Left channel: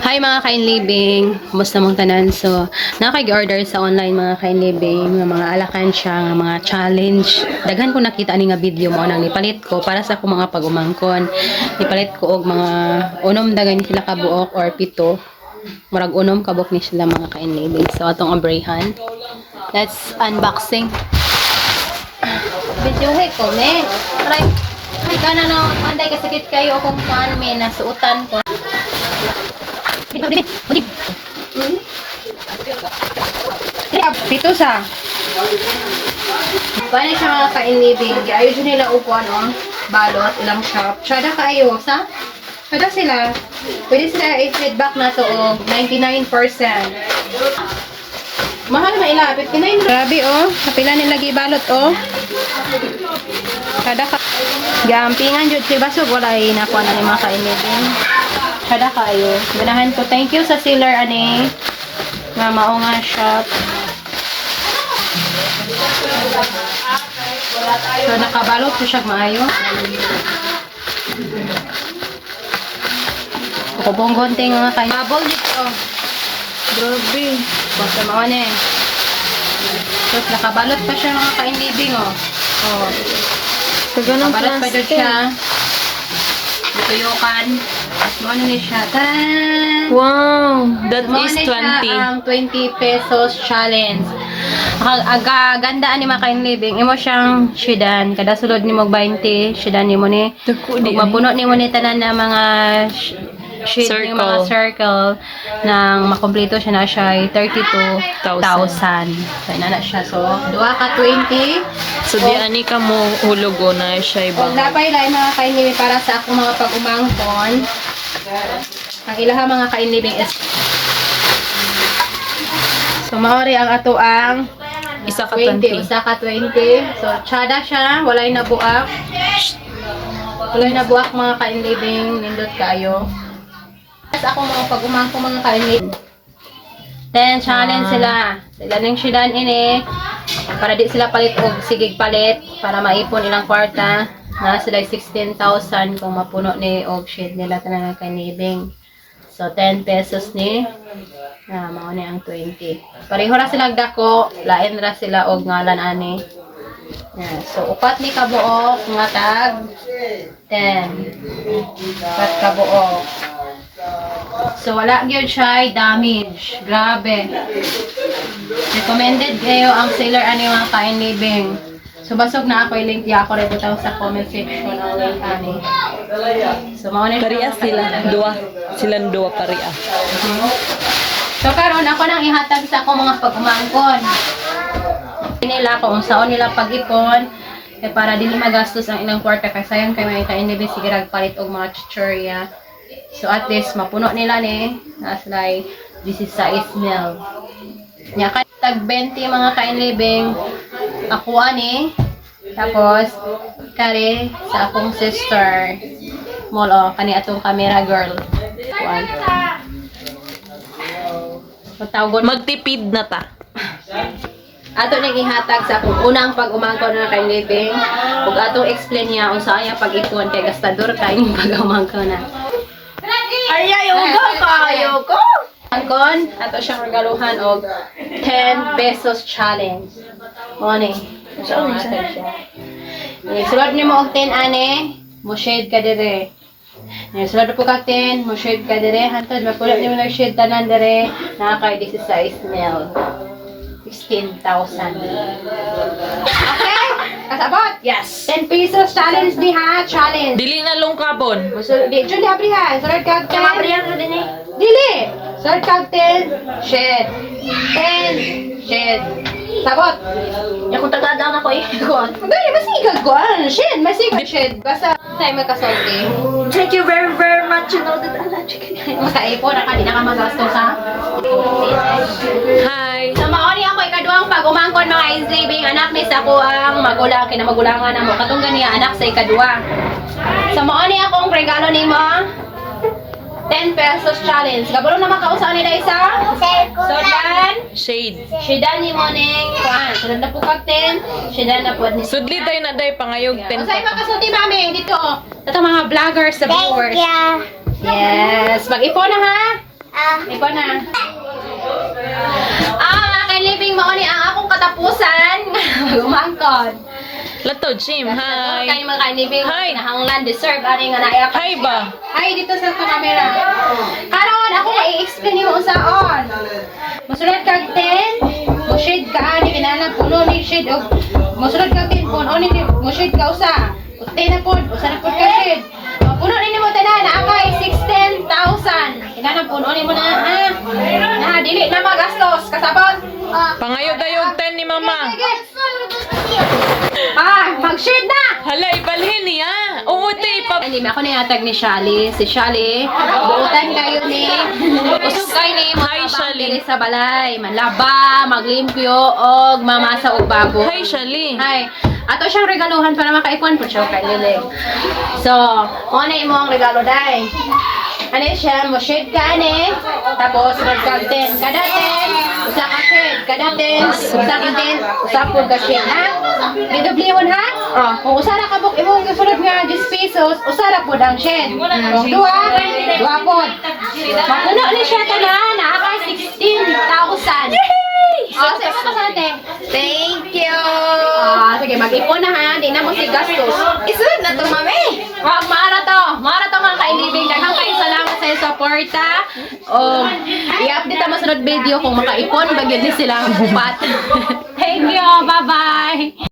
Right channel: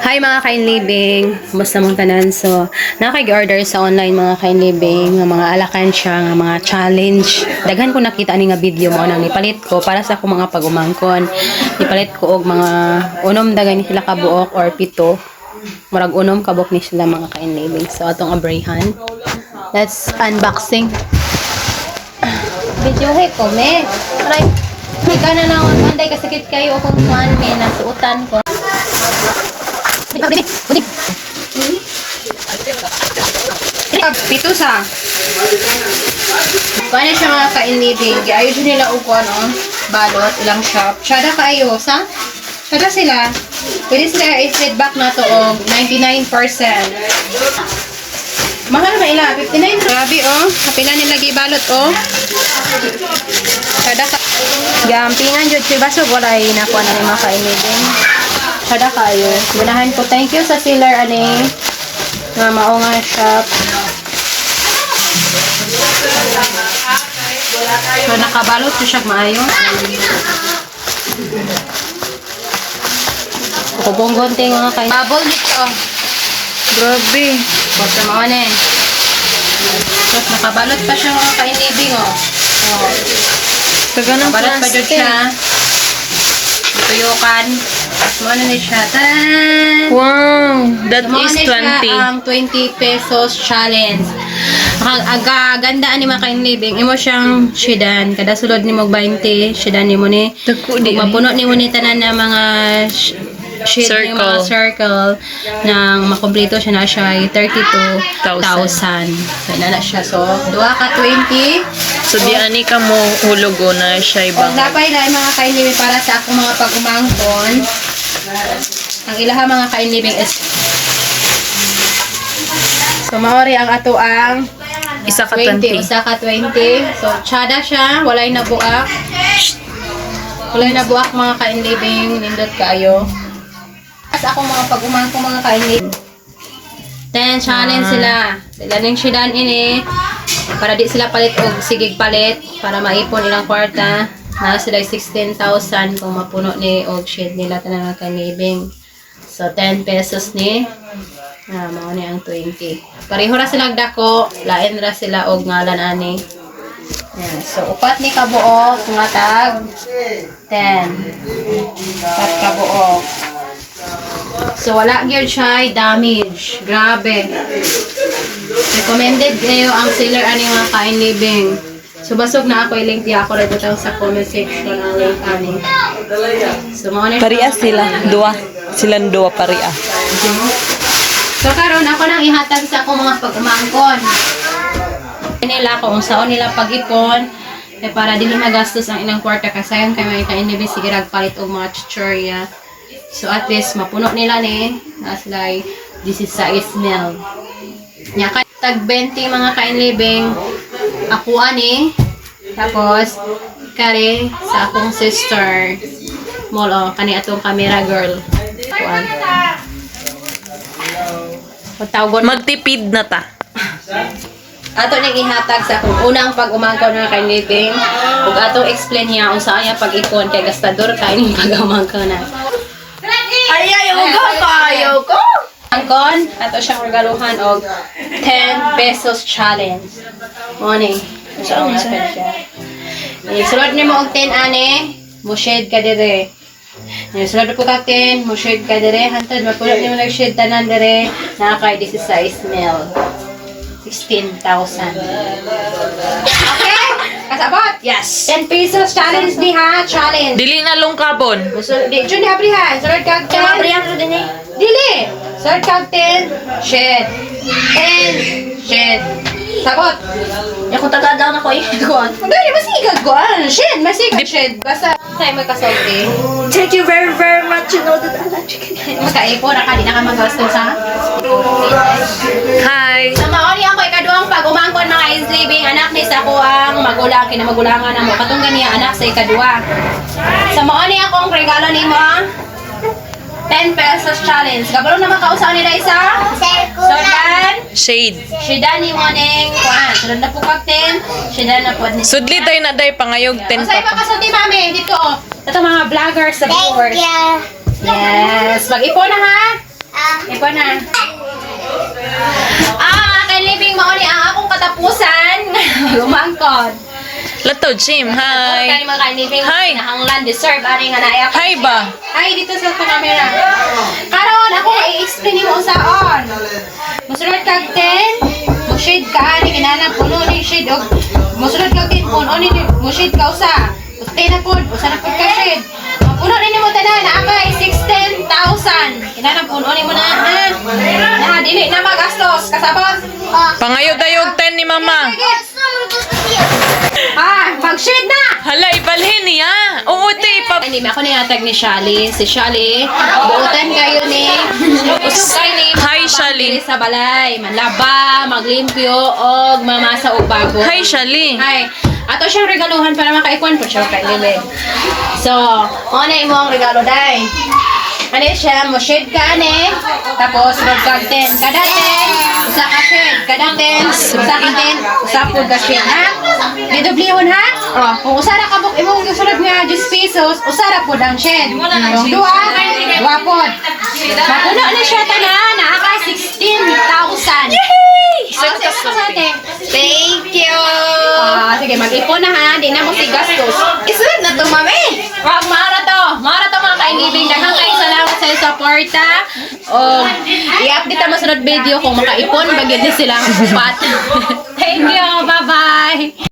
Hi mga kain living. Basta mong tanan. So, nakakig-order sa online mga kain living, nga mga alakansya, nga mga challenge. Daghan ko nakita ani nga video mo nang nipalit ko para sa akong mga pagumangkon. Nipalit ko og mga unom dagan sila ka buok or pito. Murag unom kabok ni sila mga kain living. So, atong abrahan. Let's unboxing. Video ko, me. Try. Ika na na, manday kasakit kayo kung kuan, me, nasuutan ko. Budi. Ah, pito sa. Paano siya mga kainibig? Ayun siya nila upo, ano? Balot, ilang shop. Tsada kayo, sa? Tsada sila. Pwede sila i-feedback na to og 99%. Mahal na ila, 59. Grabe, oh. Kapila nila gibalot, oh. Tsada ka. Gampingan, jud si Basog. Wala yun ako na mga kainibig. Tsada kayo. Ganahan ko. Thank you sa seller, ani. Nga mao nga shop. So, nakabalot ko siya maayo. Kubong gonte nga kayo. Bubble dito. Grabe. Basta mga ne. Tapos nakabalot pa siya mga kainibing, oh. Oh. Taga ng Nakabalot pa dito siya. Dito yung kan. Tapos mo ano na siya. Taran! Wow, that Mo is na siya 20. ang 20 pesos challenge. Ang aga ganda ni mga kain living. Imo siyang sedan. Kada sulod ni mo 20, sedan ni mo ni. Mapuno ni mo ni tanan na mga shade ni mga Circle. circle nang makompleto siya na siya ay 32,000. So, na siya. So, duha ka 20. So di ani ka mo hulogo na siya ibang. napay lang mga kainibig para sa akong mga pag-umangkon, ang ilaha mga kainibig is So, maori ang ato ang Isa ka 20. 20. Usa ka 20. So, tsada siya. Walay na buak. Walay na buak mga kainibig. Nindot kayo. Sa akong mga pag-umangkon mga kainibig. Then, challenge Ah. sila. Sila ning sidan ini. Para di sila palit og sigig palit. Para maipon ilang kwarta. Na sila 16,000 kung mapuno ni og shade nila tanang kanibing. So, 10 pesos ni. Ah, mao ni ang 20. Pareho ra sila dako, lain ra sila og ngalan ani. Yeah, so upat ni kabuok nga tag 10. Upat kabuok. So wala gyud siya damage. Grabe. Recommended kayo ang seller ani mga kain living. So basog na ako i-link di ako lang butang sa comment section ang link ani. So mao na siya. Paria sila. Dua. Silang dua paria. So karon ako nang ihatag sa akong mga pag-umangkon. Nila kung saan nila pag-ipon eh, para dili magastos ang ilang kwarta kasi sayang kay may kainibig sige palit og mga chichurya. So at least mapuno nila ni na sila ay 16 mil. Nya kay tag 20 mga kainlibing ako ani tapos kare sa akong sister molo kani atong camera girl. Kuan. Pagtawagon Magtipid na ta. ato nang ihatag sa akong unang pag-umangkon nga kay living ug atong explain niya kung saan niya pag-ipon kay gastador kay ning pag-umangkon na. Ay, ayaw ko, ayaw ko. Angkon, ato siyang regaluhan og 10 pesos challenge. Morning. Saan siya? Eh, sulod nimo og 10 ane, mo shade ka dire. Eh, sulod po ka 10, mo shade ka dire. Hantod, mapulo nimo nag shade tanan dire. Nakakay 16 mil. 16,000. Okay? Kasabot? Yes. 10 pesos challenge ni ha, challenge. Dili na lungkabon. Musul di jud abrihan. Sulod kag 10. Abrihan ro din eh. Dili. Sulod kag 10. Shed. 10. Shed. Sabot. Ya kung taga daw na ko eh. Kuan. Dali masigag kuan. Shed, masigag shed. Basta tayo magkasulti. Thank you very very much. You know that I love you. Makaipo na ka, di na ka magastos ha. Hi. Sa maori ako ikaduhang pag umangkon mga is living anak ni sa ko ang magulang kinamagulangan na mo katong ganiya anak sa ikaduha. Sa maori akong regalo nimo 10 pesos challenge. Gabalo na makausaw ni isa. So dan, Shade. Shida ni mo ning kuan. So na po kag 10, shida na po ni. Sudli tayo na day pangayog 10 Usay pa pa kasulti mami dito. oh. Ito mga vloggers sa viewers. you. Yes, mag-ipon na ha. Ipon na. Ah, kay living mo ni ang akong katapusan. Lumangkod. Latod, Sim. Kay Hi. mga mo Hi. nahanglan deserve ani nga naaya Hi ba? Hi, dito sa camera. Karon ako i-explain mo sa on. Musulod kag 10, mo shade ka ani kinana puno ni shade og musulod kag 10 puno ni mo shade ka usa. Uste na pud, usa na pud ka shade. Mapuno ni mo tanan na akay 16,000. Kinana puno ni mo na ha. Na dili na magastos kasabot. Pangayog-ayog 10 ni Mama. ah mag-shade na. Hala, ibalhin niya. Oo, te, ipap... Hindi ako nayatag ni Shali. Si Shali, buutan kayo ni. Usog kayo ni. Hi, Shali. sa balay. Manlaba, maglimpyo, og mamasa og bago. Hi, Shali. Hi. Ato siyang regaluhan para makaikuan po siya kay Lilig. So, ano imo ang regalo dai? Ano siya, mo shade ka ane, tapos rod kag 10. Kada 10, usa ka shade. Kada 10, usa ka 10, usa po ka shade, ha? Didoblihon ha? Oh, kung usa ra ka buk imong gisulod nga 10 pesos, usa ra po ang shade. Kung duha, duha pod. Mapuno ni siya tanan, nakaka 16,000. Yay! Oh, sige, sa ate. Thank you! Ah, sige, mag-ipon na ha. Di na mo si gastos. Isunod na to, mami! Wag, mara to. Mara to mga kailibing. Daghang kayo suporta. O, i-update mo sunod video kung makaipon, bagyan din sila ang upat. Thank you. Bye-bye.